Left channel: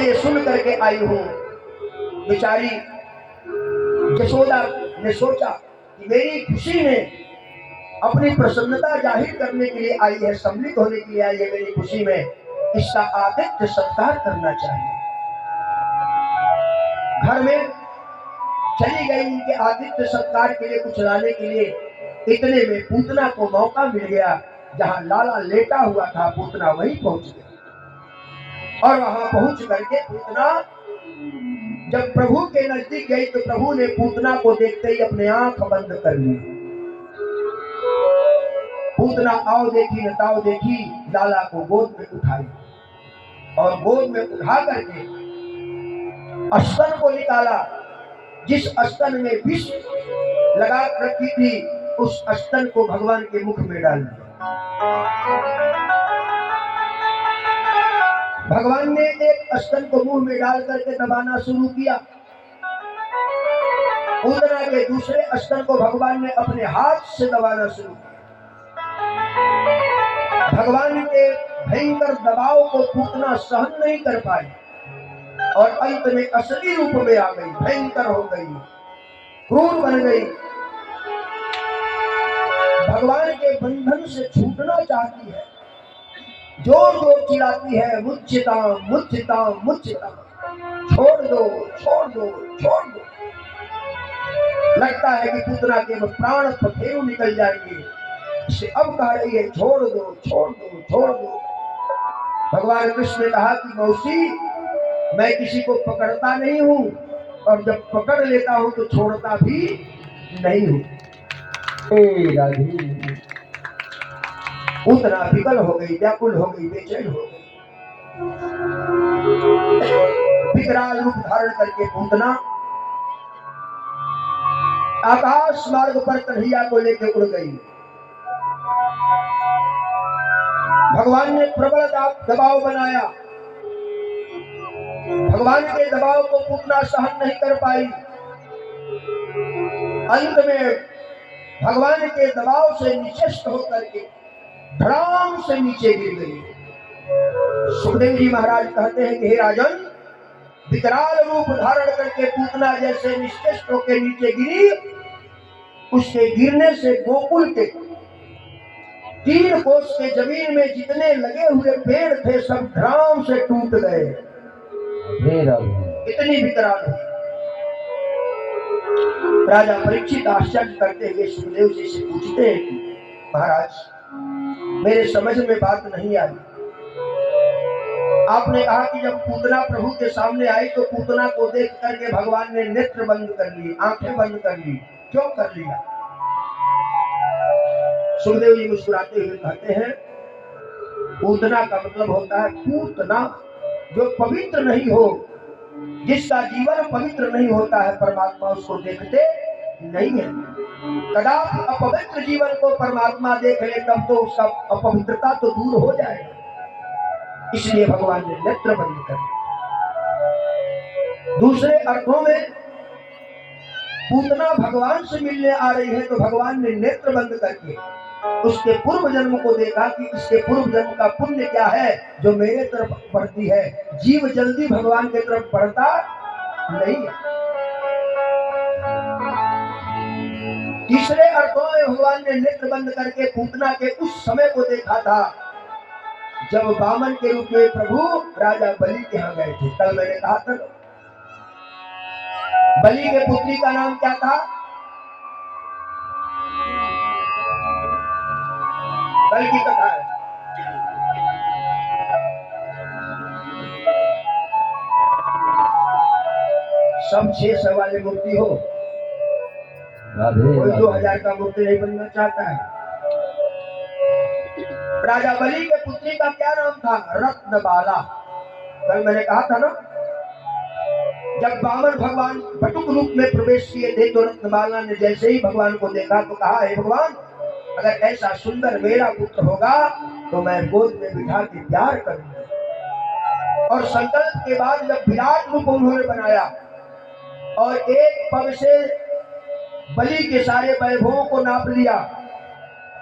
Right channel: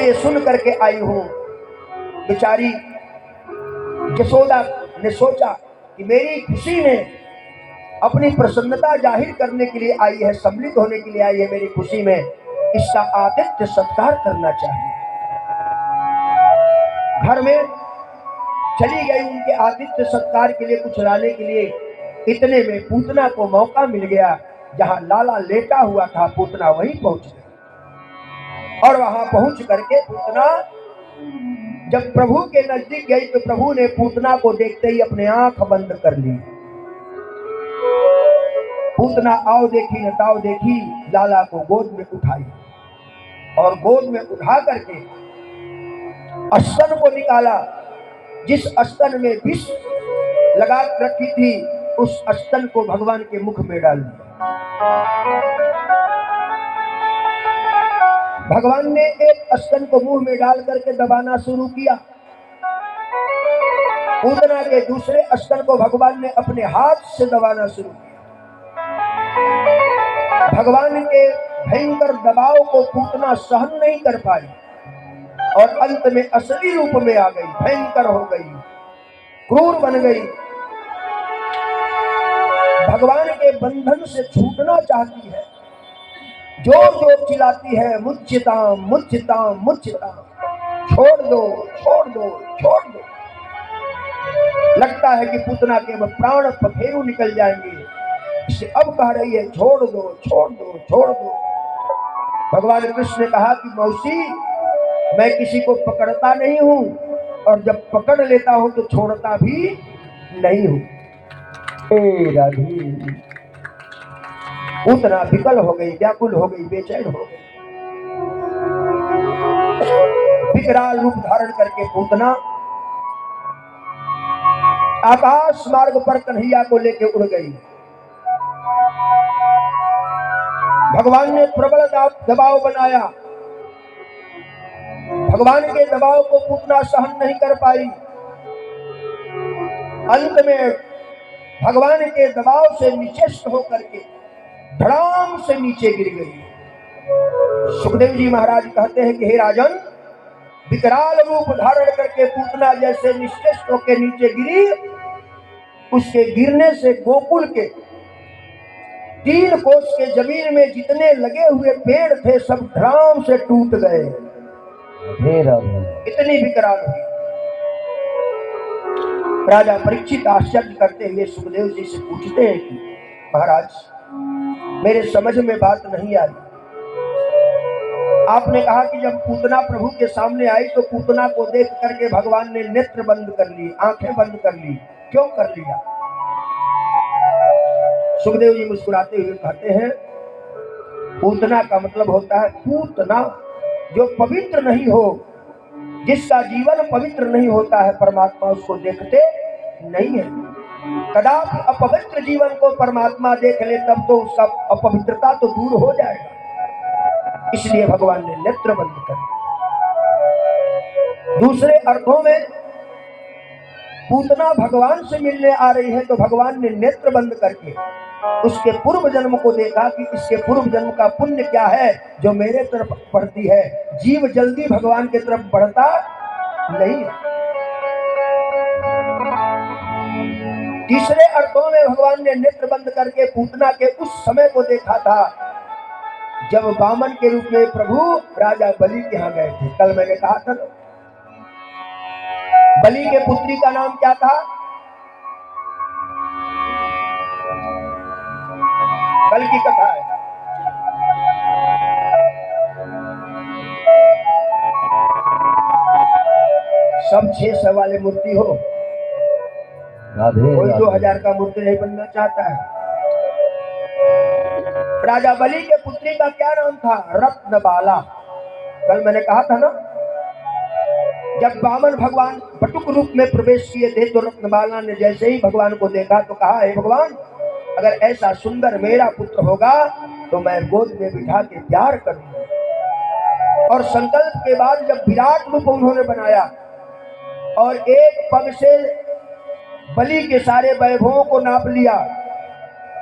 से ये सुन करके आई हूं। बेचारी यशोदा ने सोचा कि मेरी खुशी में अपनी प्रसन्नता जाहिर करने के लिए आई है, सम्मिलित होने के लिए आई है मेरी खुशी में, इसका आतिथ्य सत्कार करना चाहिए। घर में चली गई उनके आतिथ्य सत्कार के लिए, कुछ लाने के लिए। इतने में पूतना को मौका मिल गया, जहां लाला लेटा हुआ था पूतना वहीं पहुंच गया। और वहां पहुंच करके पूतना जब प्रभु के नजदीक गई तो प्रभु ने पूतना को देखते ही अपने आंख बंद कर ली। पूतना आओ देखी न ताओ देखी, लाला को गोद में उठाई और गोद में उठा करके स्तन को निकाला। जिस स्तन में विष लगा रखी थी उस स्तन को भगवान के मुख में डाल दिया। भगवान ने एक स्तन को मुंह में डाल करके दबाना शुरू किया। पूतना के दूसरे स्तन को भगवान ने अपने हाथ से दबाना शुरू किया। भगवान के भयंकर दबाव को पूतना सहन नहीं कर पाई और अंत में असली रूप में आ गई, भयंकर हो गई, क्रूर बन गई। भगवान के बंधन से छूटना चाहती है, जोर जोर चिल्लाती है, मुझताम मुझताम मुझताम, छोड़ दो छोड़ दो छोड़ दो। लगता है कि पूतना के प्राण पखेरु निकल जाएंगे, इसे अब कह रही है छोड़ दो छोड़ दो छोड़ दो। भगवान कृष्ण ने कहा कि मौसी, मैं किसी को पकड़ता नहीं हूं और जब पकड़ लेता हूं तो छोड़ता भी नहीं हूं। पूतना विकल हो गई, व्याकुल हो गई, बेचैन हो गई। विकराल रूप धारण करके पूतना आकाश मार्ग पर कन्हैया को लेकर उड़ गई। भगवान ने प्रबल दबाव बनाया, भगवान के दबाव को पूतना सहन नहीं कर पाई। अंत में भगवान के दबाव से निचेष्ट होकर के धड़ाम से नीचे गिर गई। सुखदेव जी महाराज कहते हैं कि हे राजन, विकराल रूप धारण करके पूतना जैसे निश्चेष्ट होकर नीचे गिरी, उसके गिरने से गोकुल के 3 कोस के जमीन में जितने लगे हुए पेड़ थे सब धड़ाम से टूट गए। इतनी विकराल हुई। राजा परीक्षित आश्चर्य करते हुए सुखदेव जी से पूछते हैं कि महाराज, मेरे समझ में बात नहीं आई। आपने कहा कि जब पूतना प्रभु के सामने आई तो पूतना को देख करके भगवान ने नेत्र बंद कर ली, आंखें बंद कर ली, क्यों कर लिया? सुखदेव जी मुस्कुराते हुए कहते हैं, पूतना का मतलब होता है पूतना, जो पवित्र नहीं हो, जिसका जीवन पवित्र नहीं होता है, परमात्मा उसको देखते नहीं है। कदापि अपवित्र जीवन को परमात्मा देख ले तब तो उसका अपवित्रता तो दूर हो जाएगा। इसलिए भगवान ने नेत्र बंद कर दिया। दूसरे अर्थों में पूतना भगवान से मिलने आ रही है तो भगवान ने नेत्र बंद करके उसके पूर्व जन्म को देखा कि इसके पूर्व जन्म का पुण्य क्या है जो मेरे तरफ बढ़ती है। जीव जल्दी भगवान के तरफ बढ़ता नहीं। तीसरे अर्थों में भगवान ने नेत्र बंद करके पूतना के उस समय को देखा था जब वामन के रूप में प्रभु राजा बलि के यहाँ गए थे। कल मैंने कहा था बलि के पुत्री का नाम क्या था? कल की कथा है। सब 600 वाले मूर्ति हो, कोई 2000 का मूर्ति नहीं बनना चाहता है। राजा बलि के पुत्री का क्या नाम था? रत्नबाला। कल मैंने कहा था ना, जब वामन भगवान बटुक रूप में प्रवेश किए थे तो रत्नबाला ने जैसे ही भगवान को देखा तो कहा, हे भगवान, अगर ऐसा सुंदर मेरा पुत्र होगा तो मैं गोद में बिठा के प्यार करूंगा। और संकल्प के बाद जब विराट रूप उन्होंने बनाया और एक पग से बलि के सारे वैभवों को नाप लिया,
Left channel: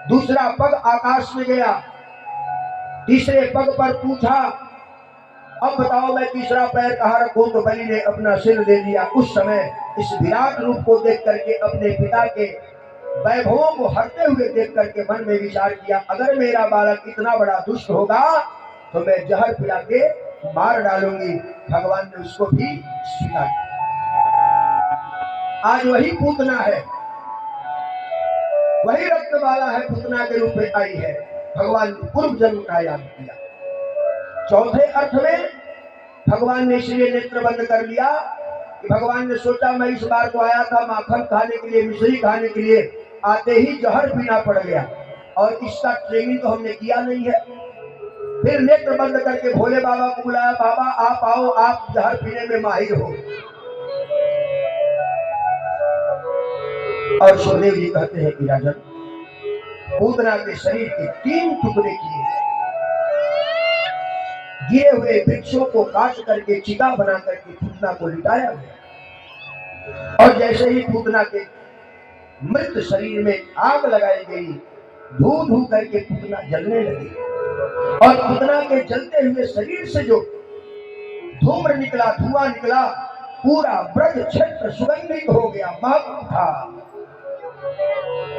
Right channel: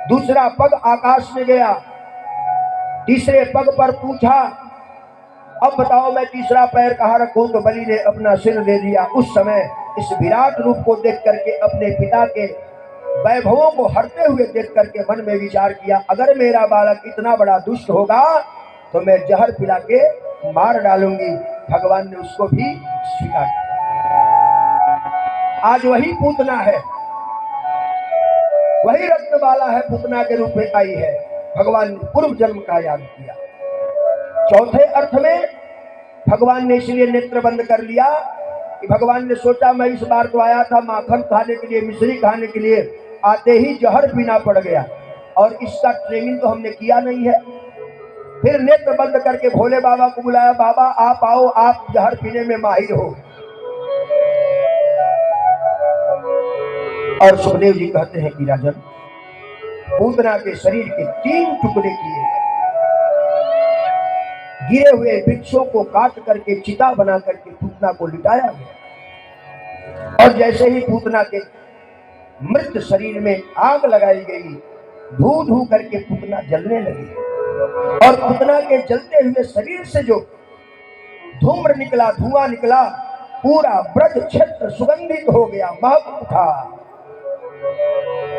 दूसरा पग आकाश में गया, तीसरे पग पर पूछा अब बताओ मैं तीसरा पैर कहाँ रखूं? तो बलि ने अपना सिर दे दिया। उस समय इस विराट रूप को देख करके, अपने पिता के वैभवों को हरते हुए देख करके मन में विचार किया, अगर मेरा बालक इतना बड़ा दुष्ट होगा तो मैं जहर पिला के मार डालूंगी। भगवान ने उसको भी स्वीकार किया। आज वही पूतना है, वही रत्नबाला है, पूतना के रूप में आई है। भगवान ने पूर्व जन्म का याद किया। चौथे अर्थ में भगवान ने इसलिए नेत्र बंद कर लिया कि भगवान ने सोचा मैं इस बार तो आया था माखन खाने के लिए, मिश्री खाने के लिए, आते ही जहर पीना पड़ गया और इसका ट्रेनिंग तो हमने किया नहीं है। फिर नेत्र बंद करके भोले बाबा को बुलाया, बाबा आप आओ, आप जहर पीने में माहिर हो। और सुखदेव जी कहते हैं कि राजन, पूतना के शरीर के 3 टुकड़े किए, गिरे हुए वृक्षों को काट करके चिता बना करके पूतना को लिटाया गया और जैसे ही पूतना के मृत शरीर में आग लगाई गई, धू धू करके पूतना जलने लगी और पूतना के जलते हुए शरीर से जो धूम्र निकला, धुआं निकला, पूरा ब्रज क्षेत्र सुगंधित हो गया, महक उठा।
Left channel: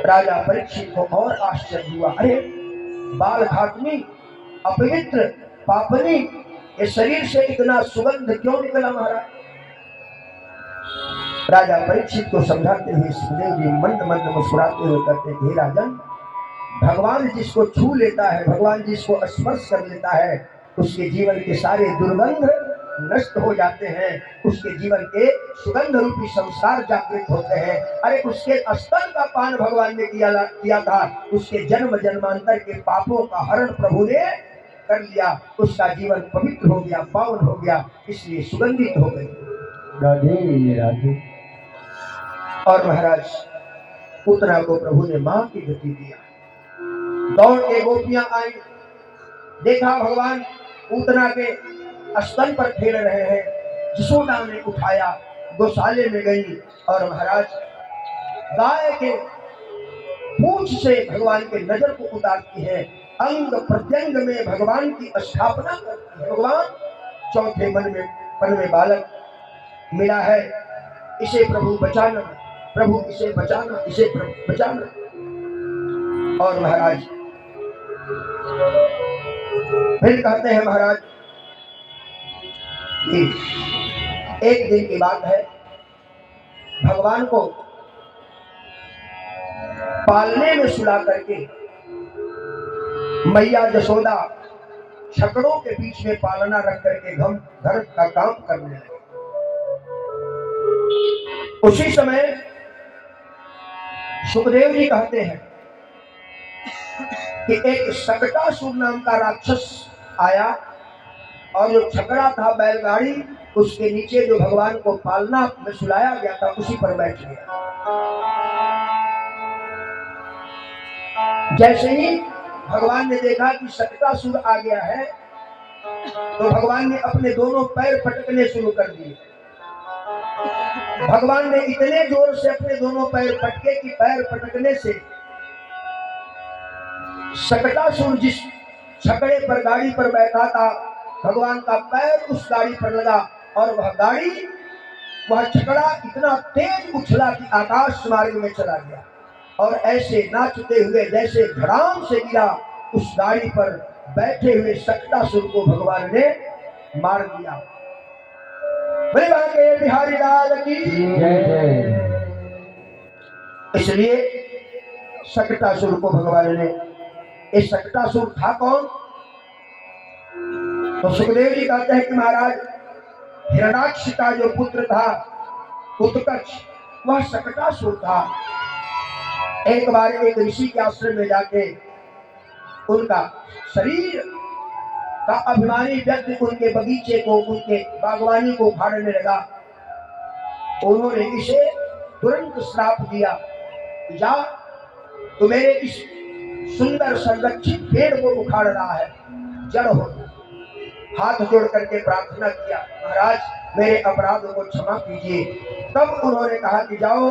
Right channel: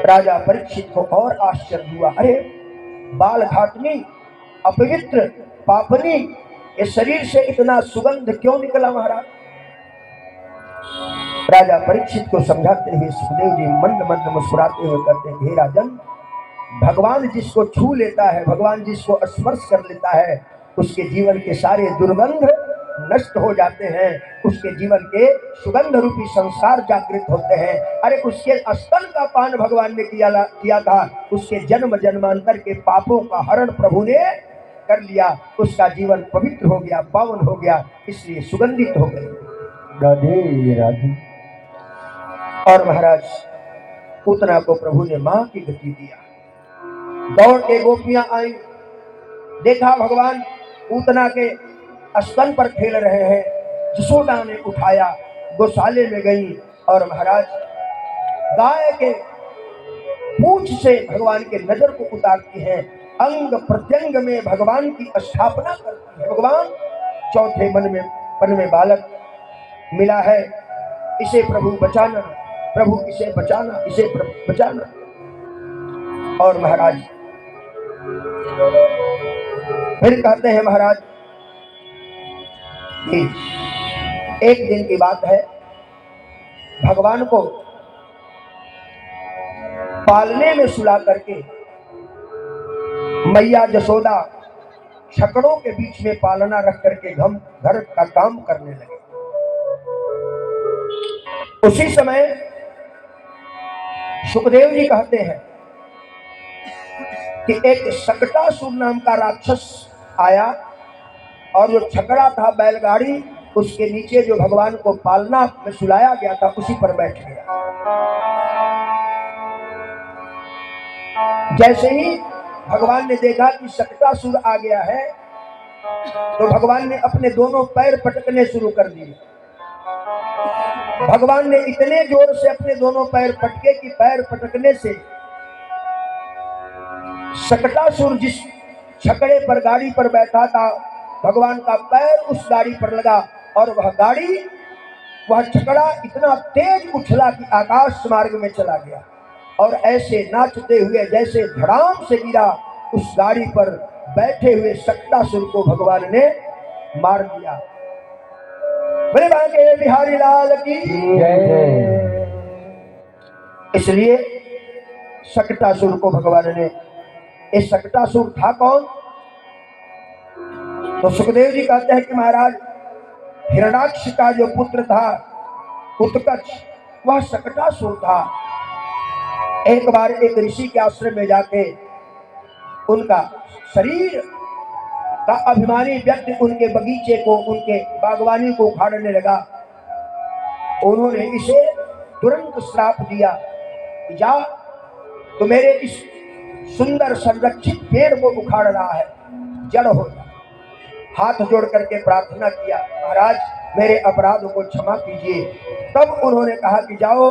राजा परीक्षित को और आश्चर्य हुआ, अरे बाल घातनी, अपवित्र, पापनी, ये शरीर से इतना सुगंध क्यों निकला महाराज? राजा परीक्षित को समझाते हुए सुखदेव जी मंद मंद मुस्कुराते हुए कहते हैं, हे राजन, भगवान जिसको छू लेता है, भगवान जिसको स्पर्श कर लेता है, उसके जीवन के सारे दुर्गंध नष्ट हो जाते हैं, उसके जीवन के सुगंध रूपी संस्कार जागृत होते हैं। अरे उसके स्तन का पान भगवान ने किया था, उसके जन्म जन्मांतर के पापों का हरण प्रभु ने कर लिया, उसका जीवन पवित्र हो गया, पावन हो गया, इसलिए सुगंधित हो गई। राधे राधे। और महाराज पूतना को प्रभु ने मां की गति दिया। दौड़ के गोपियां आई, देखा भगवान पूतना के स्तन पर खेल रहे हैं। यशोदा ने उठाया, गौशाले में गई और महाराज गाय के पूंछ से भगवान के नजर को उतारती है, अंग प्रत्यंग में भगवान की स्थापना करती है। भगवान चौथे मन में बालक मिला है, इसे प्रभु बचाना, प्रभु इसे बचाना, इसे प्रभु बचाना। और महाराज फिर कहते हैं महाराज कि एक दिन की बात है, भगवान को पालने में सुला करके मैया यशोदा छकड़ों के बीच में पालना रख करके घर का काम करने लगे। उसी समय सुखदेव जी कहते हैं कि एक सकटासुर नाम का राक्षस आया और जो छकड़ा था बैलगाड़ी, उसके नीचे जो भगवान को पालना में सुलाया गया था उसी पर बैठ गया। जैसे ही भगवान ने देखा कि सकटासुर आ गया है तो भगवान ने अपने दोनों पैर पटकने शुरू कर दिए। भगवान ने इतने जोर से अपने दोनों पैर पटके कि पैर पटकने से सकटासुर जिस छकड़े पर गाड़ी पर बैठा था, भगवान का पैर उस गाड़ी पर लगा और वह छकड़ा इतना तेज उछला कि आकाश मार्ग में चला गया और ऐसे नाचते हुए जैसे धड़ाम से गिरा, उस गाड़ी पर बैठे हुए सकटासुर को भगवान ने मार दिया। के बिहारी लाल की जय। इसलिए सकटासुर को भगवान ने, इस सकटासुर था कौन? तो सुखदेव जी कहते हैं कि महाराज हिरण्याक्ष का जो पुत्र था उत्कच, वह सकटासुर था। एक बार एक ऋषि के आश्रम में जाके उनका शरीर का अभिमानी व्यक्ति उनके बगीचे को, उनके बागवानी को उखाड़ने लगा। उन्होंने इसे तुरंत श्राप दिया, जा तो मेरे इस सुंदर संरक्षित पेड़ को उखाड़ रहा है, जड़ हो जा। हाथ जोड़ करके प्रार्थना किया, महाराज मेरे अपराध को क्षमा कीजिए। तब उन्होंने कहा कि जाओ,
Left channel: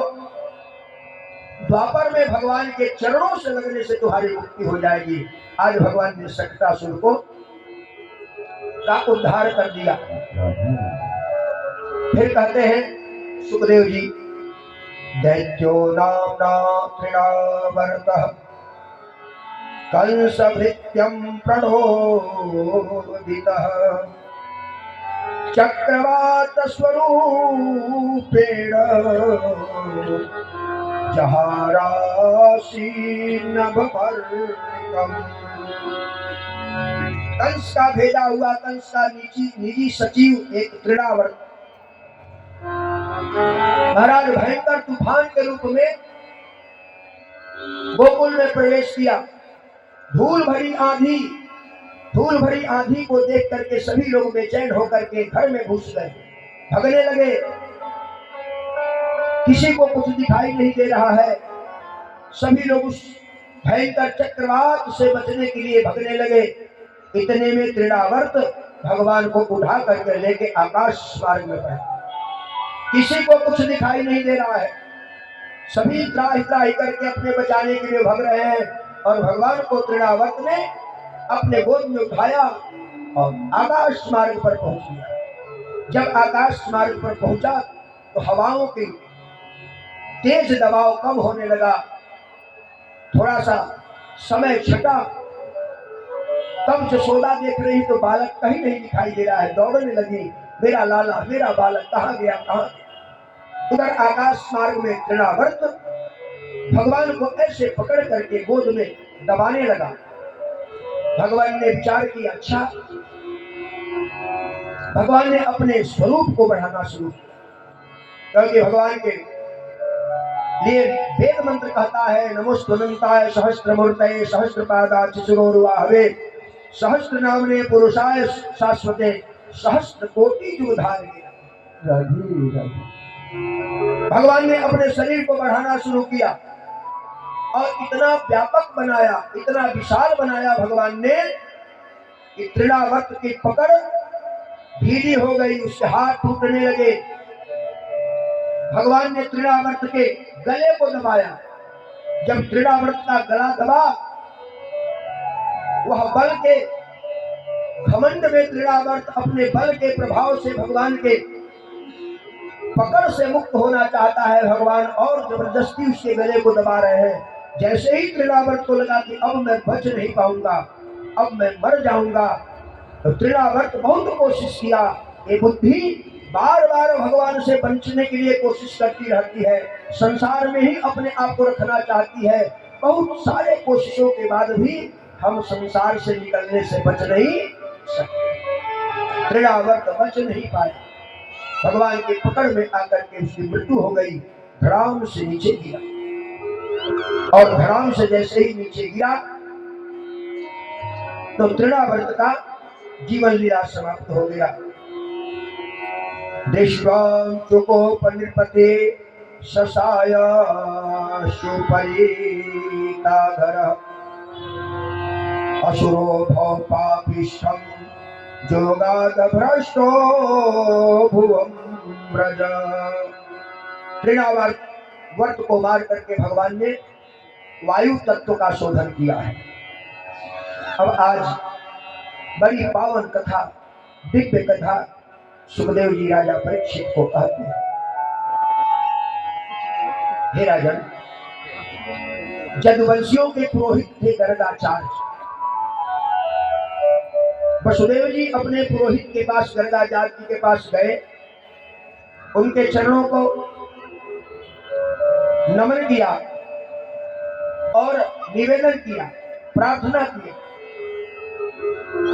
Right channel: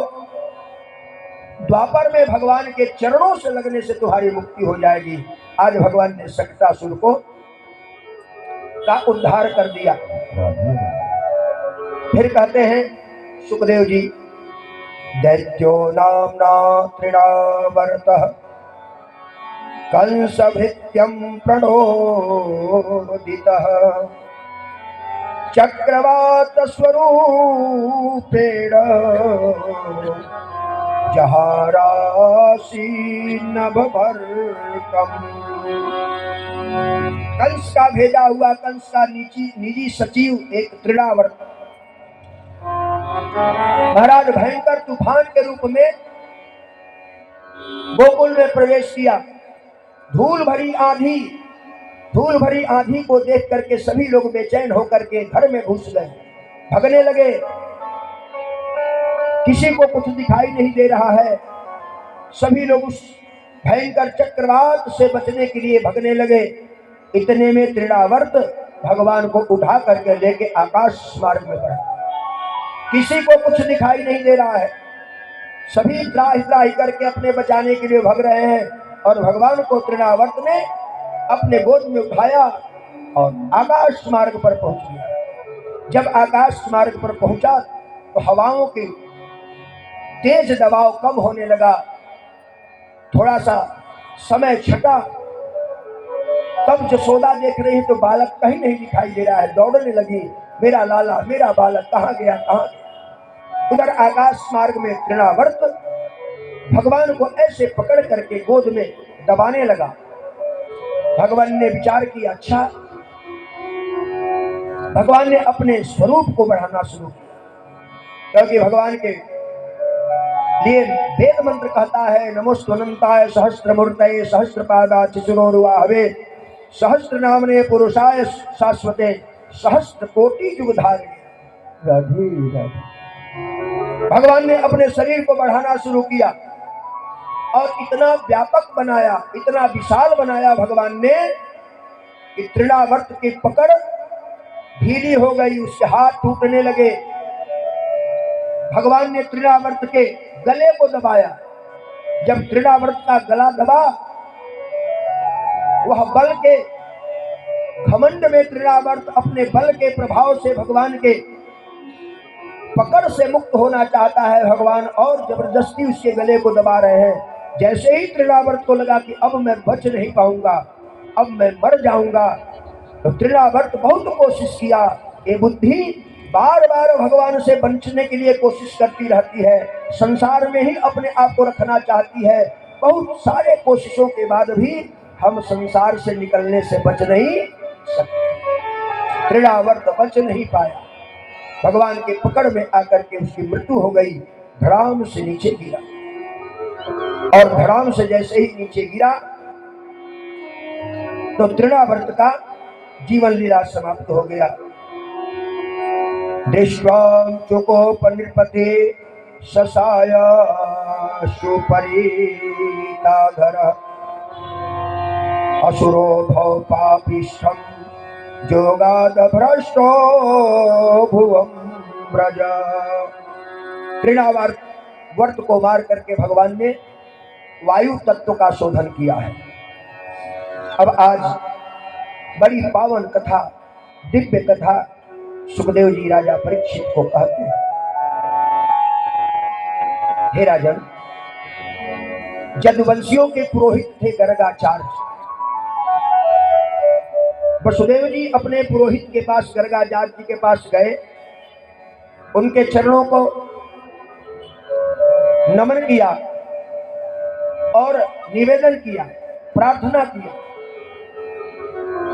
द्वापर में भगवान के चरणों से लगने से तुम्हारी मुक्ति हो जाएगी। आज भगवान ने सकटासुर को का उद्धार कर दिया। फिर कहते हैं सुखदेव जी, दैत्यो नाम्ना तृणावर्तः कंस भृत्यं प्रणोदितः चक्रवात स्वरूपेण जहारासी नभवर्कम्। कंस का भेजा हुआ, कंस का निजी सचिव एक तृणावर्त महाराज भयंकर तूफान के रूप में गोकुल में प्रवेश किया। धूल भरी आंधी को देख करके सभी लोग बेचैन होकर के घर में घुस गए, भगने लगे। किसी को कुछ दिखाई नहीं दे रहा है। सभी लोग उस भयंकर चक्रवात से बचने के लिए भगने लगे। इतने में तृणावर्त भगवान को उठा करके लेके आकाश मार्ग में बढ़ा। किसी को कुछ दिखाई नहीं दे रहा है। सभी त्राही त्राही करके अपने बचाने के लिए भग रहे हैं और भगवान को तृणावर्त ने अपने गोद में उठाया और आकाश मार्ग पर पहुंच गया। जब आकाश मार्ग पर पहुंचा तो हवाओं की तेज दबाव कम होने लगा। थोड़ा सा समय छटा, तब जसोदा देख रही तो बालक कहीं नहीं दिखाई दे रहा है। दौड़ने लगी, मेरा लाला, मेरा बालक कहाँ गया, कहाँ। उधर आकाश मार्ग में तृणावर्त भगवान को ऐसे पकड़ करके गोद में दबाने लगा। भगवान ने विचार किया, अच्छा, भगवान ने अपने स्वरूप को बढ़ाना शुरू किया, क्योंकि भगवान के लिए वेद मंत्र कहता है, नमोस्तुनंताय सहस्त्रमूर्तये सहस्त्रपादाच्युतोरुवाहवे सहस्त्रनामने पुरुषाय शाश्वते सहस्त्र कोटि जुगधारिणे। राधे राधे। भगवान ने अपने शरीर को बढ़ाना शुरू किया और इतना व्यापक बनाया, इतना विशाल बनाया भगवान ने कि तृणावर्त की पकड़ ढीली हो गई, उसके हाथ टूटने लगे। भगवान ने तृणावर्त के गले को दबाया। जब तृणावर्त का गला दबा, वह बल के घमंड में तृणावर्त अपने बल के प्रभाव से भगवान के पकड़ से मुक्त होना चाहता है। भगवान और जबरदस्ती उसके गले को दबा रहे हैं। जैसे ही तृणावर्त को लगा कि अब मैं बच नहीं पाऊंगा, अब मैं मर जाऊंगा, तो तृणावर्त बहुत कोशिश किया। ये बुद्धि बार बार भगवान से बचने के लिए कोशिश करती रहती है, संसार में ही अपने आप को रखना चाहती है। बहुत सारे कोशिशों के बाद भी हम संसार से निकलने से बच नहीं सकते। तृणावर्त बच नहीं पाया, भगवान के पकड़ में आकर के उसकी मृत्यु हो गई। धड़ाम से नीचे गिरा और धड़ाम से जैसे ही नीचे गिरा तो तृणावर्त का जीवन लीला समाप्त हो गया। दृष्ट्वा चुकोपनिर्पते शशाय सुपरीताधर असुरो भव पापिष्ठं जोगाद भ्रष्टो भुवं व्रज। तृणावर्त को मार करके भगवान ने वायु तत्व का शोधन किया है। अब आज बड़ी पावन कथा, दिव्य कथा सुखदेव जी राजा परीक्षित को कहते हैं। हे राजन, यदुवंशियों के पुरोहित थे गर्गाचार्य। वसुदेव जी अपने पुरोहित के पास, गर्गाचार्य जी के पास गए, उनके चरणों को नमन किया और निवेदन किया, प्रार्थना की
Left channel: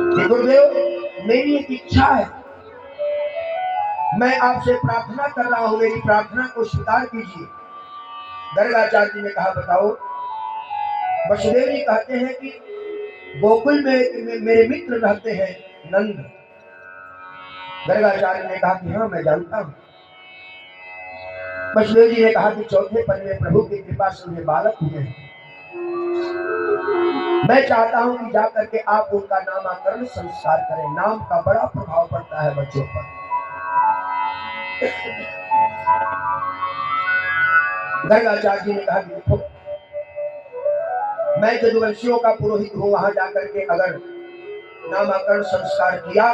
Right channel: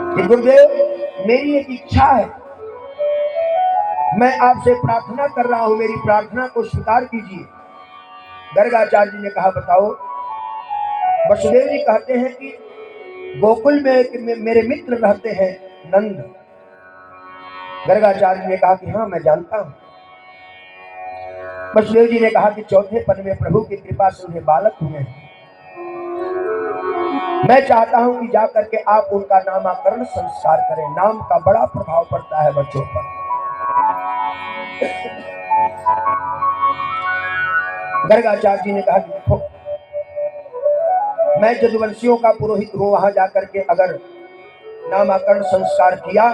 कि गुरुदेव, मेरी एक इच्छा है, मैं आपसे प्रार्थना कर रहा हूं, मेरी प्रार्थना को स्वीकार कीजिए। गर्गाचार्य जी ने कहा, बताओ। वसुदेव जी कहते हैं कि गोकुल में मेरे मित्र रहते हैं नंद। गर्गाचार्य ने कहा कि हाँ, मैं जानता हूं। वसुदेव जी ने कहा कि चौथे पद में प्रभु की कृपा से उन्हें बालक हुए हैं। मैं चाहता हूं कि जाकर के आप उनका नामकरण संस्कार करें। नाम का बड़ा प्रभाव पड़ता है बच्चों पर। गर्गाचार्य जी ने कहा कि देखो, मैं यदुवंशियों का पुरोहित हूं, वहां जाकर के अगर नामकरण संस्कार किया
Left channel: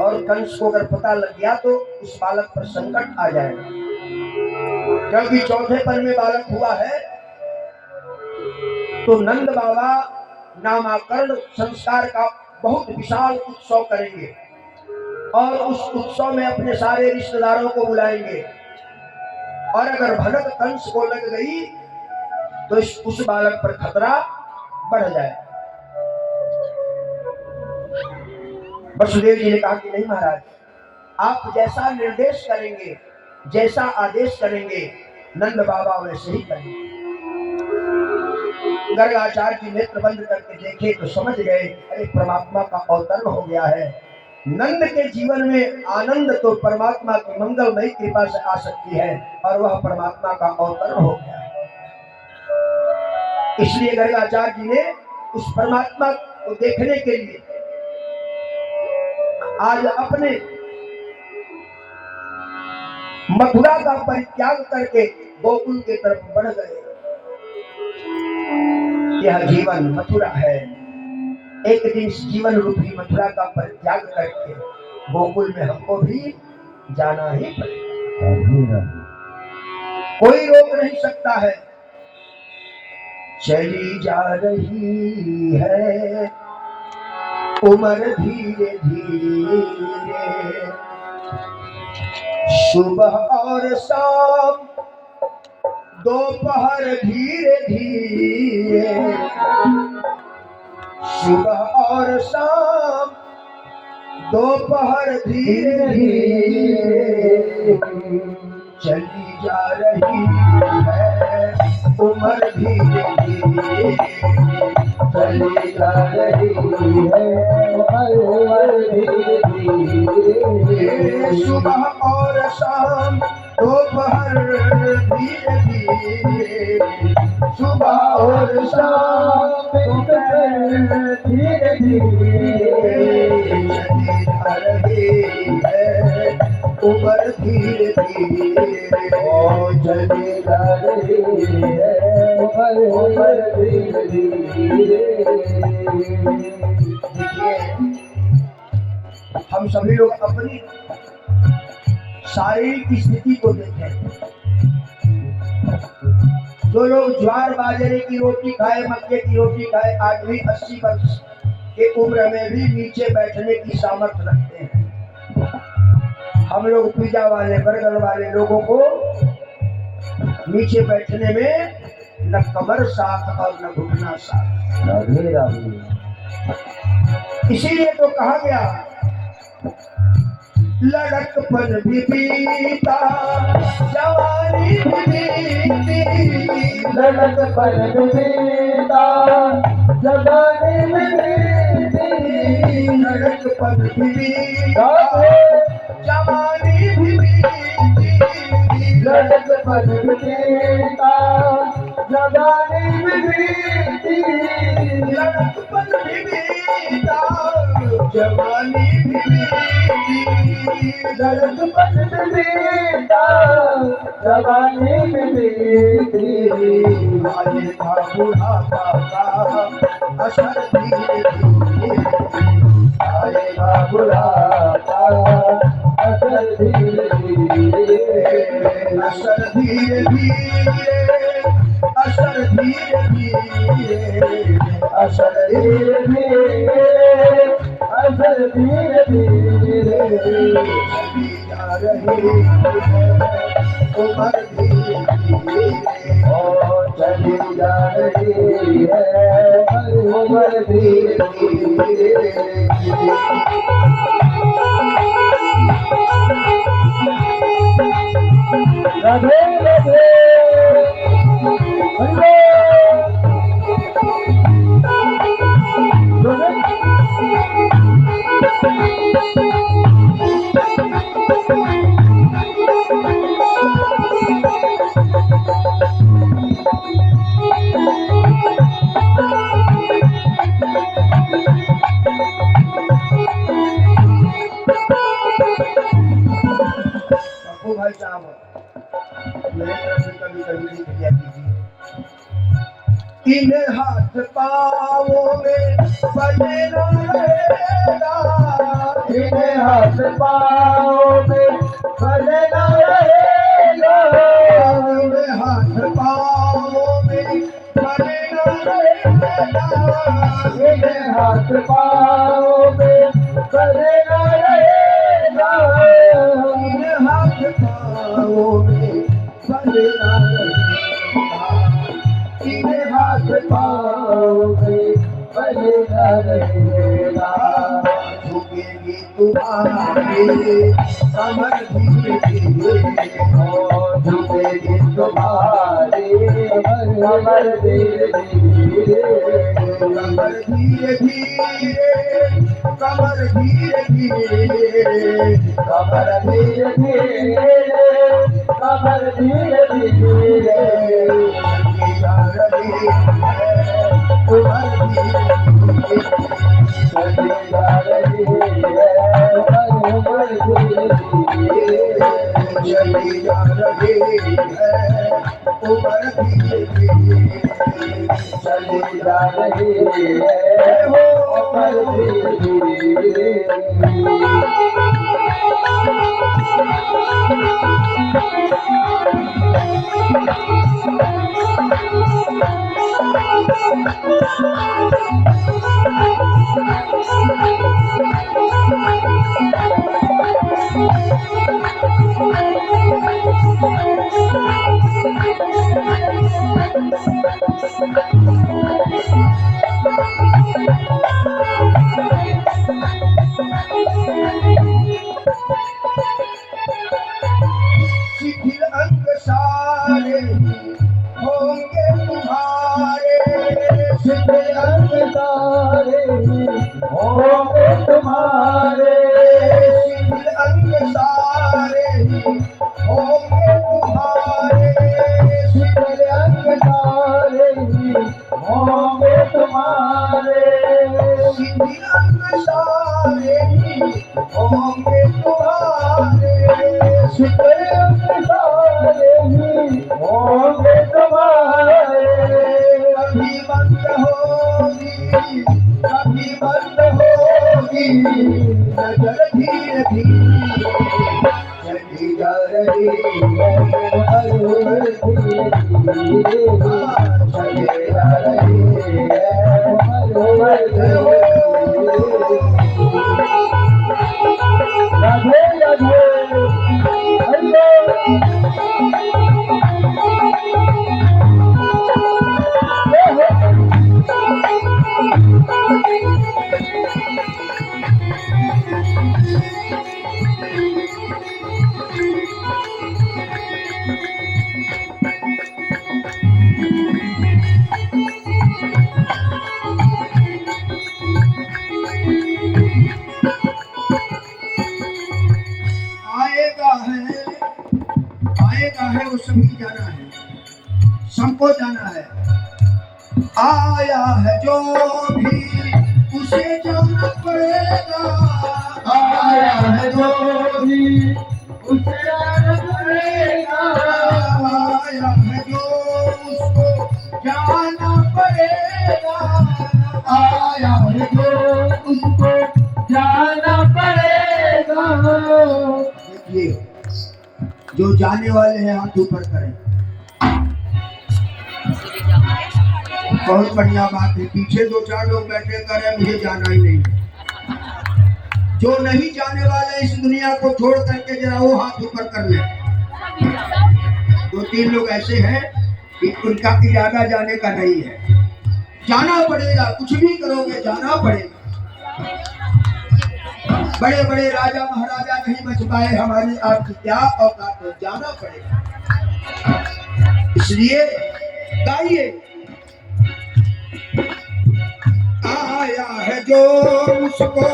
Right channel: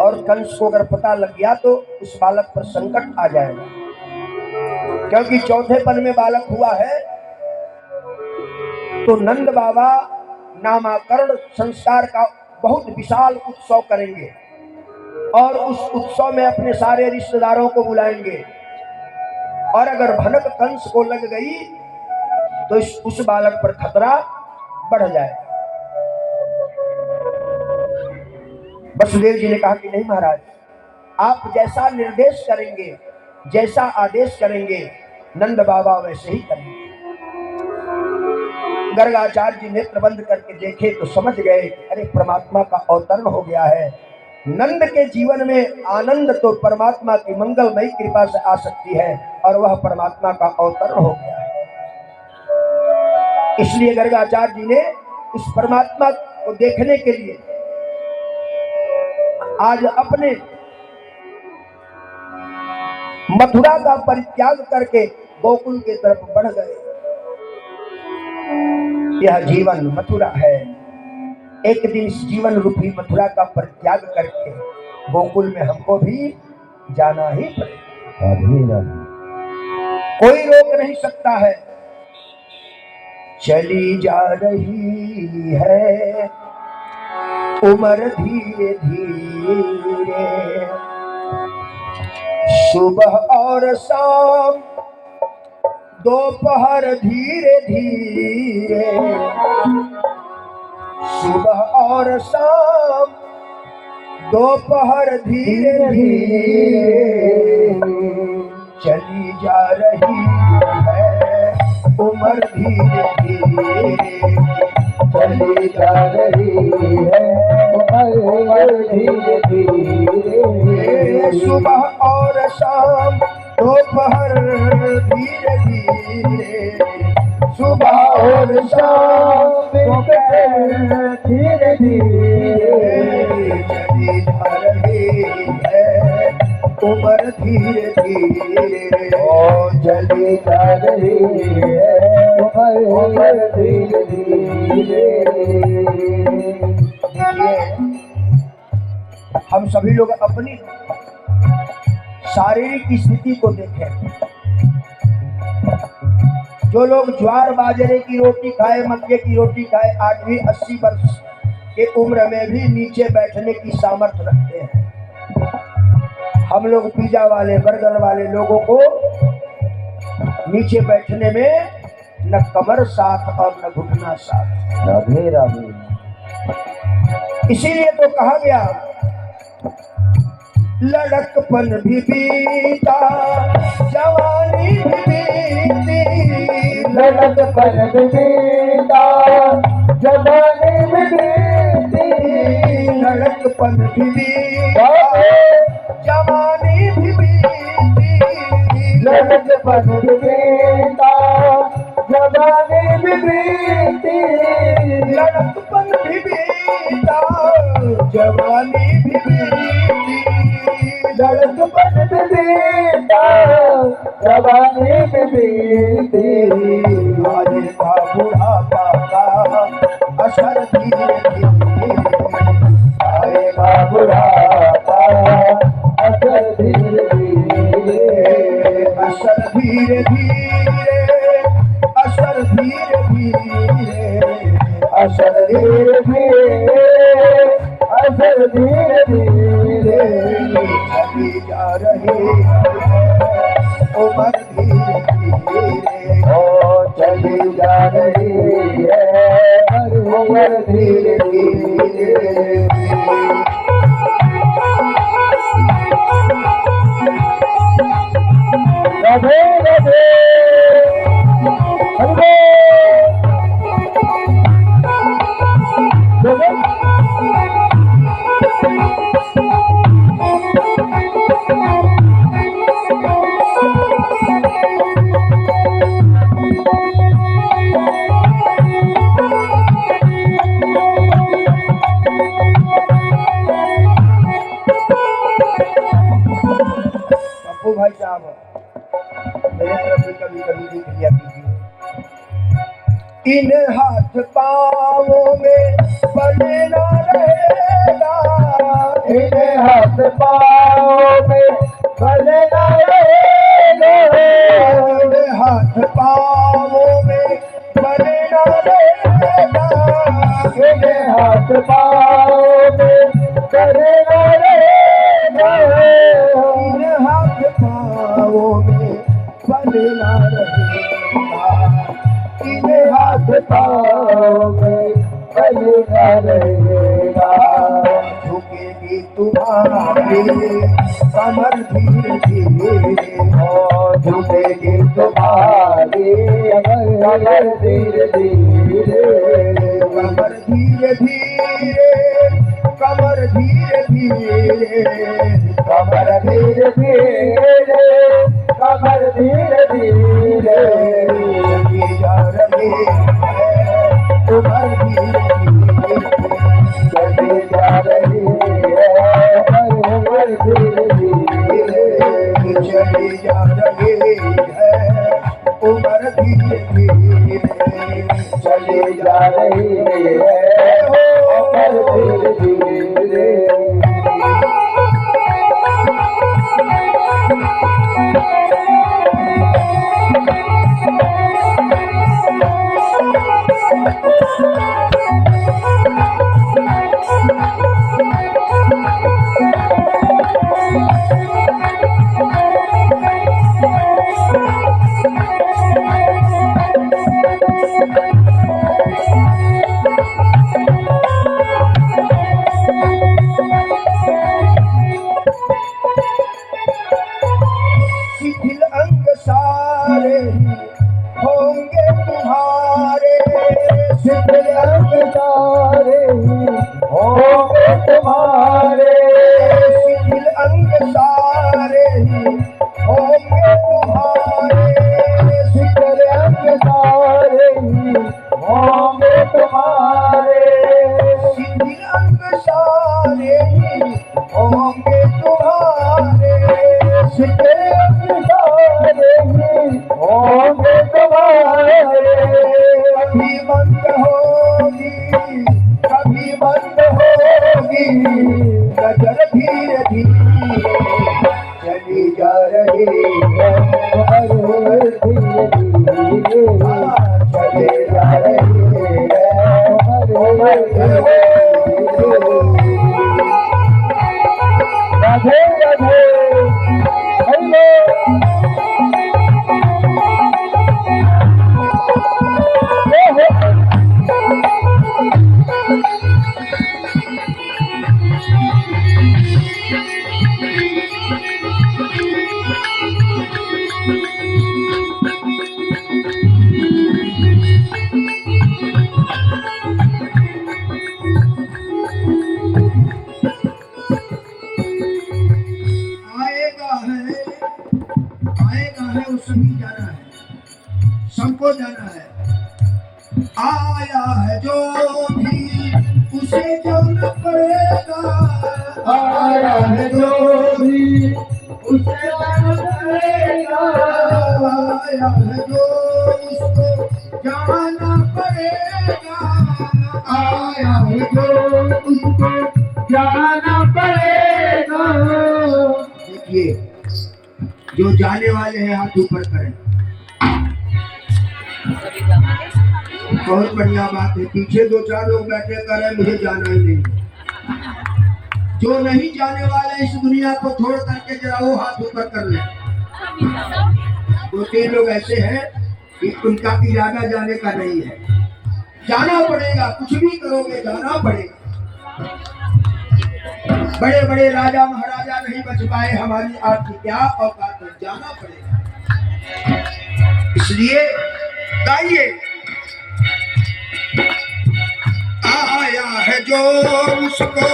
और कंस को अगर पता लग गया तो उस बालक पर संकट आ जाएगा, क्योंकि चौथेपन में बालक हुआ है। तो नंद बाबा नामकरण संस्कार का बहुत विशाल उत्सव करेंगे और उस उत्सव में अपने सारे रिश्तेदारों को बुलाएंगे, और अगर भनक कंस को लग गई तो उस बालक पर खतरा बढ़ जाए। वसुदेव जी ने कहा कि नहीं महाराज, आप जैसा निर्देश करेंगे, जैसा आदेश करेंगे, नंद बाबा वैसे ही करेंगे। गर्गाचार्य जी नेत्र बंद करके देखे तो समझ गए कि अरे परमात्मा का अवतरण हो गया है। नंद के जीवन में आनंद तो परमात्मा की मंगलमयी कृपा से आ सकती है, और वह परमात्मा का अवतरण हो गया है। इसलिए गर्गाचार्य जी ने उस परमात्मा को देखने के लिए आज अपने मथुरा का परित्याग करके गोकुल की तरफ बढ़ गए। यह जीवन मथुरा है, एक दिन इस जीवन रूपी मथुरा का परित्याग करके गोकुल में हमको भी जाना ही पड़ेगा, कोई रोक नहीं सकता है। चली जा रही है उम्र धीरे धीरे, सुबह और शाम दोपहर धीरे धीरे, सुबह और शाम दोपहर धीरे धीरे, चली जा रही है उम्र धीरे धीरे, चली जा रही है उम्र धीरे धीरे, सुबह और शाम दोपहर धीरे धीरे, सुबह और शाम दोपहर धीरे धीरे, चली जा रही है उम्र धीरे धीरे, चली जा रही है उम्र धीरे धीरे। हम सभी लोग अपनी शारीरिक स्थिति को देखें। जो लोग ज्वार बाजरे की रोटी खाए, मक्के की रोटी खाए, आज भी 80 वर्ष के उम्र में भी नीचे बैठने की सामर्थ्य रखते हैं। हम लोग पिज्जा वाले बर्गर वाले लोगों को नीचे बैठने में न कमर साथ और न घुटना साथ। राधे राधे। इसीलिए तो कहा गया लड़कपन भी बीता जवानी भी बीती, लड़कपन भी बीता जवानी भी बीती, लड़कपन भी बीता जवानी भी बीती, लड़कपन भी बीता जवानी भी बीती, लड़कपन भी बीता जवानी भी बीती, लड़कपन भी बीता जवानी भी बीती, आएगा बुढ़ापा का असर धीरे धीरे, आएगा बुढ़ापा असर धीरे धीरे, असर धीरे धीरे, असर धीरे धीरे, असर धीरे धीरे, असर धीरे धीरे, चली जा रही है उम्र धीरे धीरे, ओ चली जा रही है उम्र धीरे धीरे। राधे राधे। भाई साहब मेरे तरफ से कभी कभी लिख लिया कीजिए। इन हाथ पाँवों में बजना रहेगा, इन हाथ पाँव में भले ना रहेगा, इन्हें हाथ पाँव में भले ना रहेगा, इन्हें हाथ पाँव में भले ना रहेगा, इन्हें हाथ पाँव में भले ना रहेगा, इन्हें हाथ पाँव में भले ना रहेगा, झुकेगी तुम्हारी कमर धीरे धीरे, और झुकेगी तुम्हारी कमर धीरे धीरे, कमर धीरे धीरे, कमर धीरे धीरे, कमर धीरे धीरे, कमर धीरे धीरे, चली जा रही है कमर धीरे धीरे, चली जा रही है कमर धीरे धीरे, चली जा रही है उमर धीरे धीरे, चली जा रही है कमर धीरे धीरे। शिथिल अंग सारे होंगे तुम्हारे, शिथिल अंग सारे होंगे तुम्हारे, शिथिल अंग सारे होंगे तुम्हारे, शिथिल अंग सारे होंगे तुम्हारे, शिथिल अंग सारे होंगे तुम्हारे, शिथिल अंग सारे होंगे तुम्हारे, कभी बंद होगी, कभी बंद होगी, नजर धीरे धीरे चली जा रही है, हर धीरे धीरे चली जा रही है, राधे राधे हरे आएगा है उसे भी जाना है, सबको जाना है, आया है जो भी उसे जाना पड़ेगा, आया है जो भी उसे जाना पड़ेगा, आया है जो उसको जाना पड़ेगा, आया है जो उसको जाना पड़ेगा। देखिए जो जाने वाले हैं हाथ ऊपर करें, बहुत बढ़िया बात है। पीछे दो चार लोग बैठे करें मुझे जाना ही नहीं, जो नहीं जाने वाले इस दुनिया को छोड़ करके जरा वो हाथ ऊपर कर ले। दो तीन लोग ऐसे हैं कि उनका इरादा जाने का नहीं है, जाना पड़ेगा, कुछ भी करोगे जाना पड़ेगा। बड़े बड़े राजा महाराजा नहीं बच पाए, हमारी आपकी क्या औकात है, जाना पड़ेगा। इसलिए गाइए, आया है जो उसको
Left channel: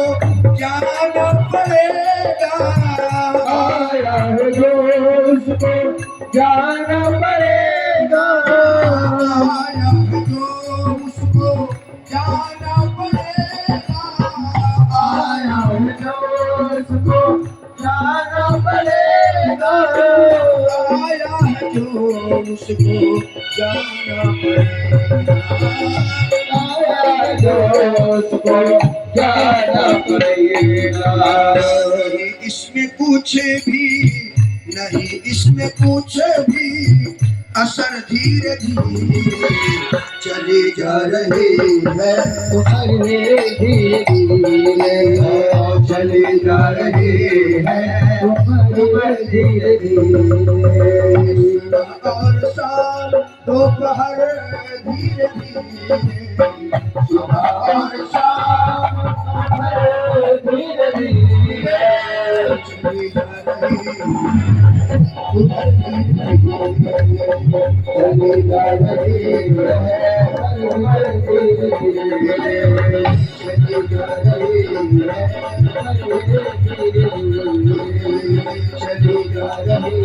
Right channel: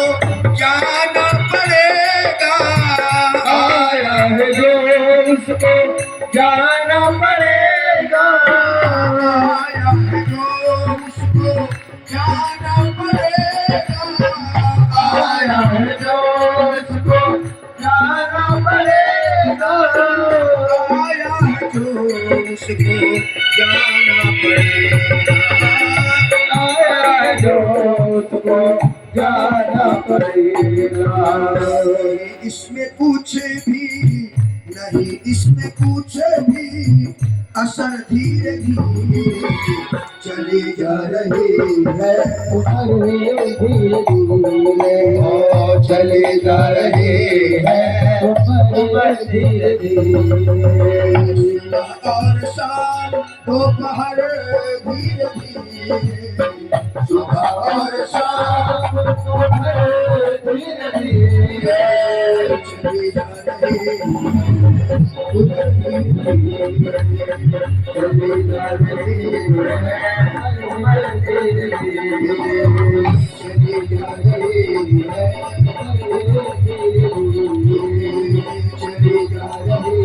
जाना पड़ेगा, आया है जो उसको जाना पड़ेगा, आया है जो उसको जाना पड़ेगा, आया है जो उसको जाना पड़ेगा, आया है जो उसको जाना पड़ेगा, आया है जो उसको जाना पड़ेगा। इसमें कुछ भी नहीं, इसमें कुछ भी असर धीरे धीरे चले जा रहे हैं, धीरे धीरे और चले जा रहे हैं धीरे धीरे और शाम दोपहर धीरे धीरे, सुबह और शाम धीरे धीरे चले जा रहे हैं, उधर धीरे धीरे चले जा रहे हैं, धीरे धीरे चले जा रहे हैं, चले जा रहे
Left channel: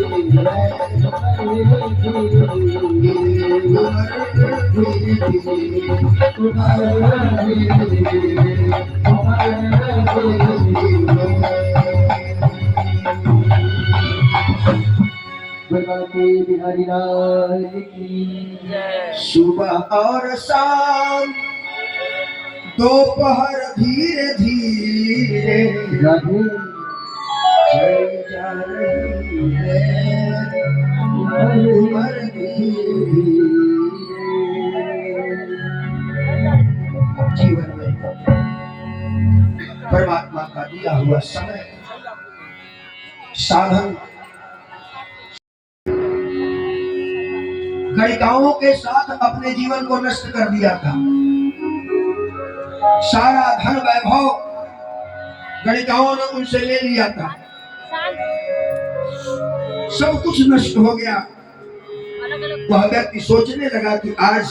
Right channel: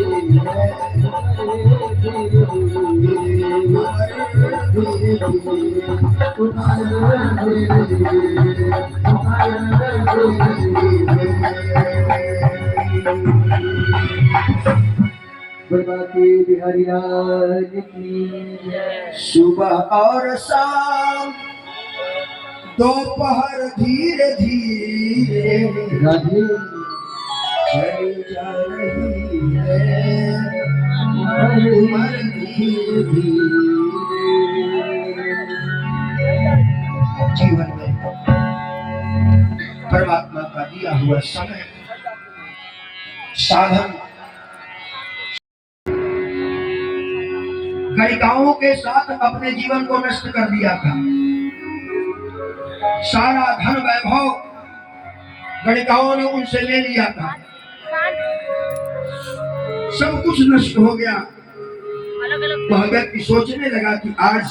बिहारी लाल की जय। सुबह और शाम दोपहर धीरे धीरे राधे चली जा रही है, उम्र धीरे धीरे। जीवन में परमात्मा का दिया हुआ समय साधन गणिकाओं के साथ अपने जीवन को नष्ट कर दिया था। सारा धन वैभव गणिकाओं ने उनसे ले लिया था, सब कुछ नष्ट हो गया। वह व्यक्ति सोचने लगा कि आज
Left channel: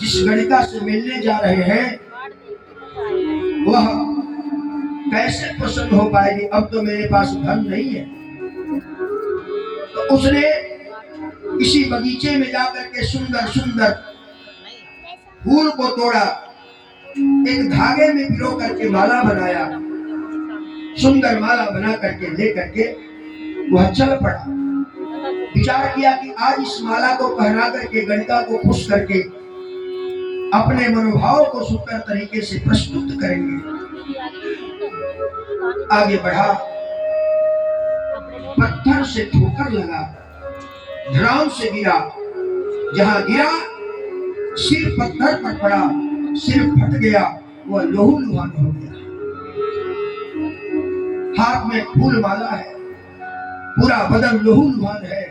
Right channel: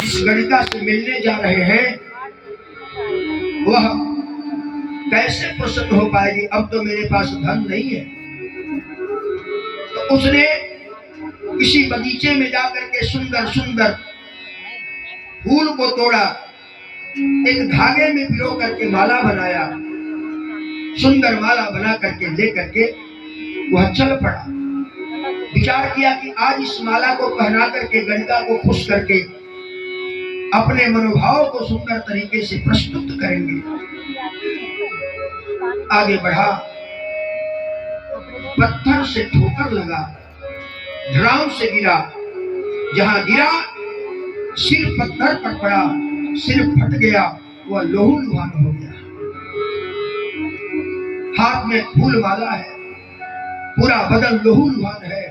जिस गणिका से मिलने जा रहे हैं वह कैसे प्रसन्न हो पाएगी, अब तो मेरे पास धन नहीं है। तो उसने किसी बगीचे में जाकर के सुंदर सुंदर फूल को तोड़ा, एक धागे में पिरो करके माला बनाया, सुंदर माला बना करके ले करके वह चल पड़ा। विचार किया कि आज इस माला को पहना करके गणिका को खुश करके अपने मनोभाव को सुंदर तरीके से प्रस्तुत करेंगे। आगे बढ़ा, पत्थर से ठोकर लगा, धड़ाम से गिरा, जहां गिरा सिर पत्थर पर पड़ा, सिर फट गया, वह लहू लुहान हो गया। हाथ में फूल माला है, पूरा बदन लहू लुहान है,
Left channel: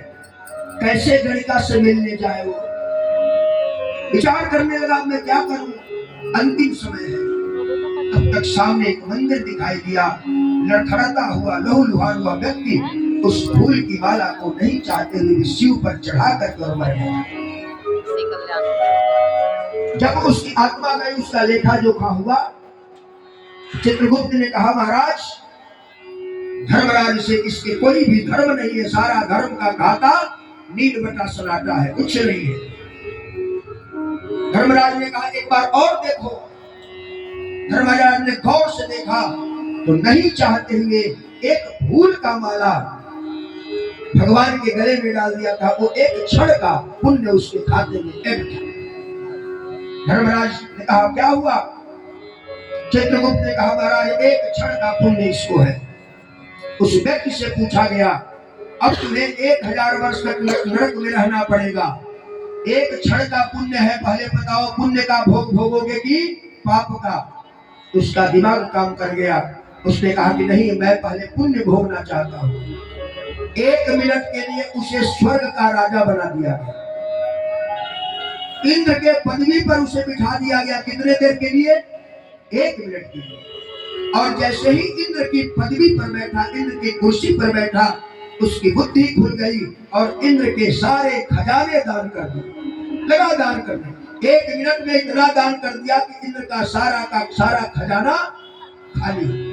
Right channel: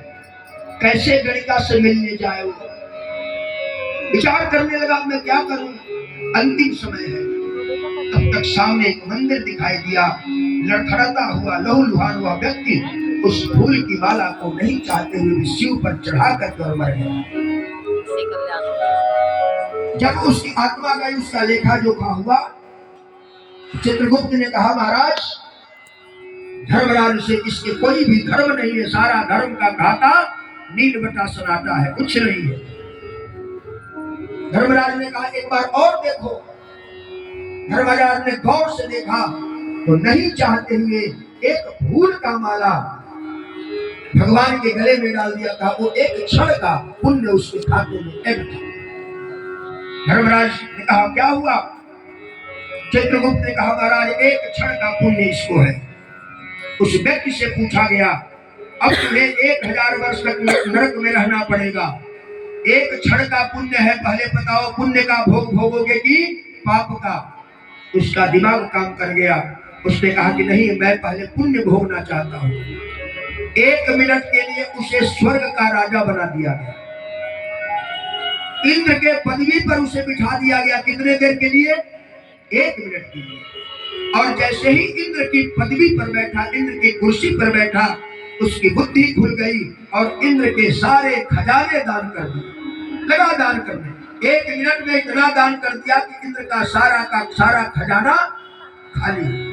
कैसे गणिका से मिलने जाए वो। विचार करने लगा मैं क्या करूं, अंतिम समय है। तब तक सामने एक मंदिर दिखाई दिया, लड़खड़ाता हुआ लहू लुहान हुआ व्यक्ति उस फूल की माला को नहीं चाहते हुए शिव पर चढ़ा कर और मर गया। जब उसकी आत्मा गई, उसका लेखा जोखा हुआ। चित्रगुप्त ने कहा महाराज धर्मराज से इसके कोई भी धर्म नहीं है, सारा धर्म का घाटा नील बटा सनाटा है, कुछ नहीं है। धर्मराज ने कहा एक बार और देखो। धर्मराज ने गौर से देखा तो नहीं चाहते हुए एक फूल का माला भगवान के गले में डाल दिया था। वो एक क्षण का पुण्य उसके खाते में ऐड था। धर्मराज ने कहा क्या हुआ? चित्रगुप्त ने कहा महाराज एक क्षण का पुण्य इसको है। उस व्यक्ति से पूछा गया अब तुम्हें 1000 वर्ष तक नरक में रहना पड़ेगा, एक क्षण का पुण्य है, पहले बताओ पुण्य का भोग भोगोगे कि पाप का? उसका दिमाग काम कर गया। उसने कहा कि नहीं, मैं पहले पुण्य भोगना चाहता हूँ। 1 मिनट के लिए उसे स्वर्ग का राजा बना दिया गया, इंद्र के पदवी पर उसे बिठा दिया गया। कितने देर के लिए? 1 मिनट के लिए। और जैसे ही इंद्र की पदवी पर बैठा, इंद्र की कुर्सी पर बैठा, उसकी बुद्धि खुल गई और इंद्र के सारे खजाने दान कर दिए, लगा दान करने। 1 मिनट में इतना दान कर दिया कि इंद्र का सारा खजाना खाली।